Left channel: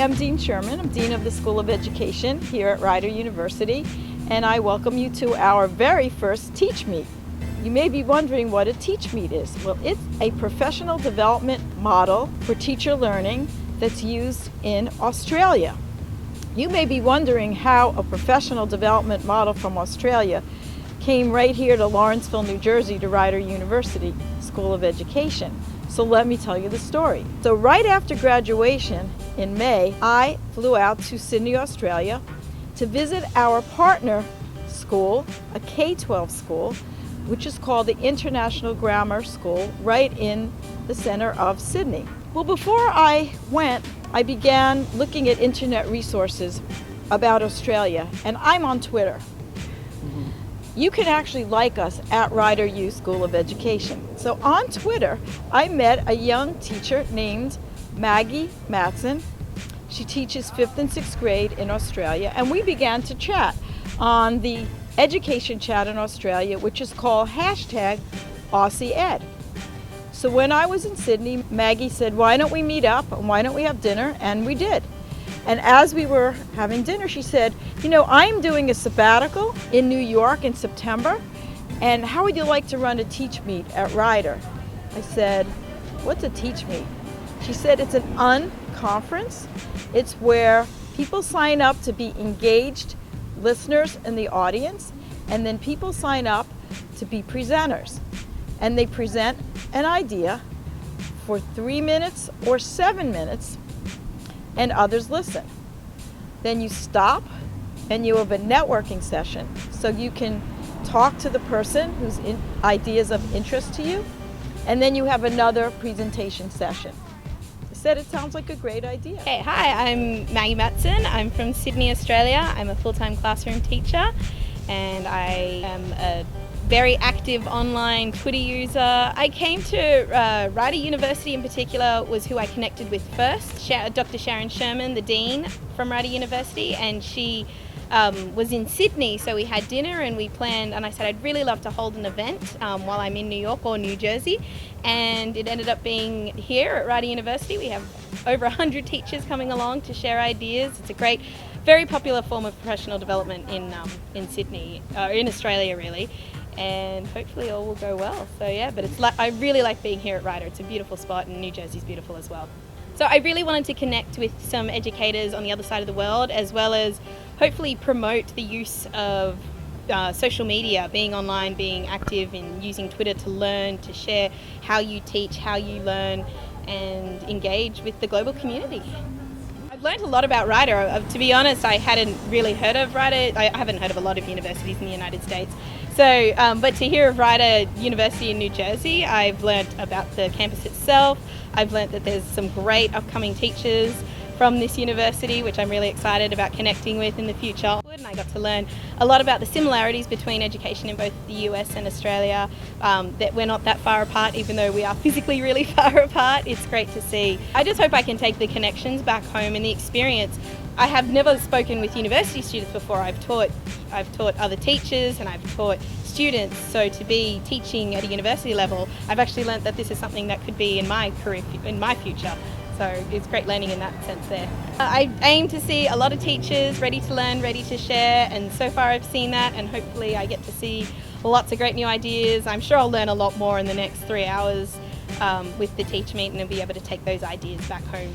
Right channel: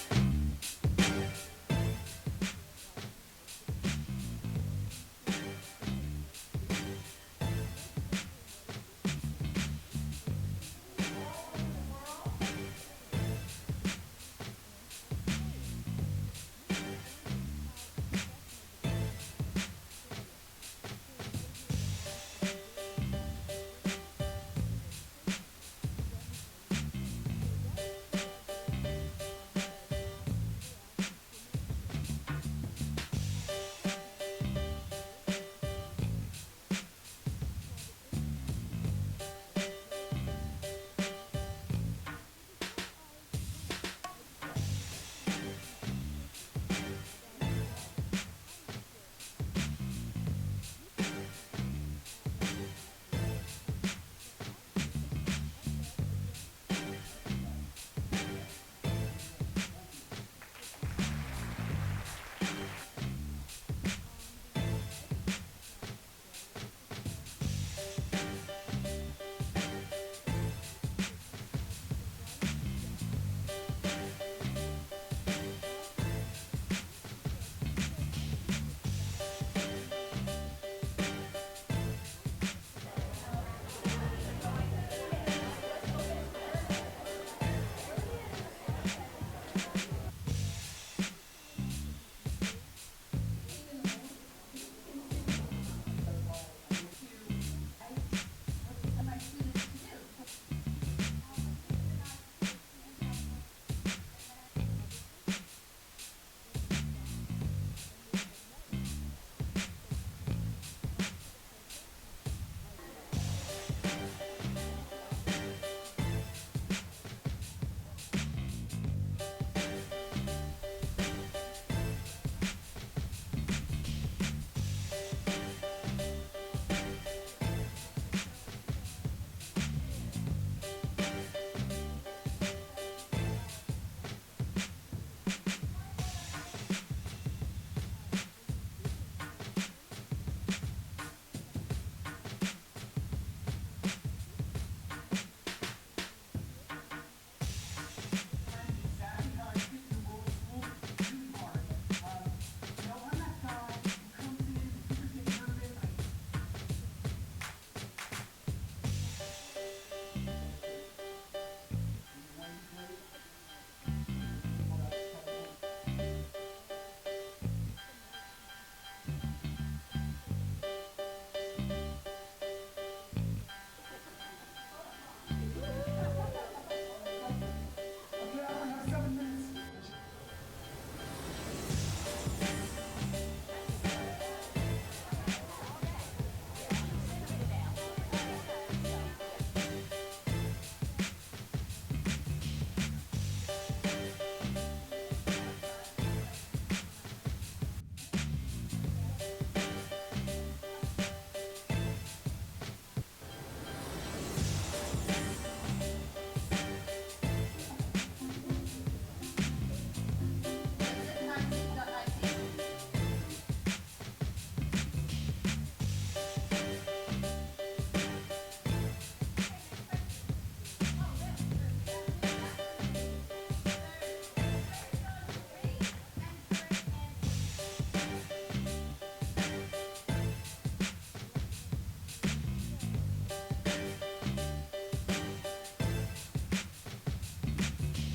I'm Dean Sherman. I'm Dean of the School of Education here at Rider University, and I welcome you to our very first TeachMeet. You may be wondering what a TeachMeet is. Well, it's a professional development model for teacher learning that's used in Australia. You may be wondering how a professional development model from Australia came right here to Lawrenceville, New Jersey, to Rider University School of Education. So let me tell you the story. So right after graduation in May, I flew out to Sydney, Australia to visit our partner school, a K-12 school, which is called the International Grammar School, right in the center of Sydney. Well, before I went, I began looking at internet resources about Australia, and I'm on Twitter. You can actually like us at Rider U School of Education. So on Twitter, I met a young teacher named Maggie Matson. She teaches 5th and 6th grade in Australia, and we began to chat on the education chat in Australia, which is called #AussieEd. So when I was in Sydney, Maggie said, why don't we meet up and why don't we have dinner? And we did. And as we were having dinner, she said, you know, I'm doing a sabbatical in New York in September, and how would you like to run a TeachMeet at Rider? I said, what's a TeachMeet? She said, it's an unconference. It's where people sign up to be engaged listeners in the audience, and then people sign up to be presenters. And they present an idea for 3 minutes or 7 minutes, and others listen. Then you stop and you have a networking session, so you can talk to the person whose ideas of interest to you, and then you have another presentation session. I said it sounds like a great idea. Hey, hi, I'm Maggie Matson. I'm from Sydney, Australia. I'm a full-time classroom teacher, and I am a very active online Twitter user. I came to Rider University in particular was who I connected with first. Dr. Sharon Sherman, the Dean from Rider University, and she was in Sydney, so we had dinner and we planned, and I said I'd really love to hold an event while I'm in New York or New Jersey, and it ended up being here at Rider University. We have over 100 teachers coming along to share ideas. It's a great, very popular form of professional development in Sydney, in Australia really. And hopefully all will go well. So yeah, but I really like being here at Rider. It's a beautiful spot, and New Jersey's beautiful as well. So I really wanted to connect with some educators on the other side of the world, as well as hopefully promote the use of social media, being online, being active in using Twitter to learn, to share how you teach, how you learn, and engage with the global community. I've learned a lot about Rider. To be honest, I hadn't really heard of Rider. I haven't heard of a lot of universities in the United States. So, but to hear of Rider University in New Jersey, I've learned about the campus itself. I've learned that there's some great upcoming teachers from this university, which I'm really excited about connecting with in the future. And I got to learn a lot about the similarities between education in both the US and Australia, that we're not that far apart, even though we are physically really far apart. It's great to see. I just hope I can take the connections back home and the experience. I have never spoken with university students before. I've taught other teachers and I've taught students, so to be teaching at a university level, I've actually learnt that this is something that could be in my career, in my future. So it's great learning in that sense there. I aim to see a lot of teachers ready to learn, ready to share, and so far I've seen that, and hopefully I get to see lots of great new ideas. I'm sure I'll learn a lot more in the next 3 hours with the TeachMeet, and I'll be able to take those ideas back home.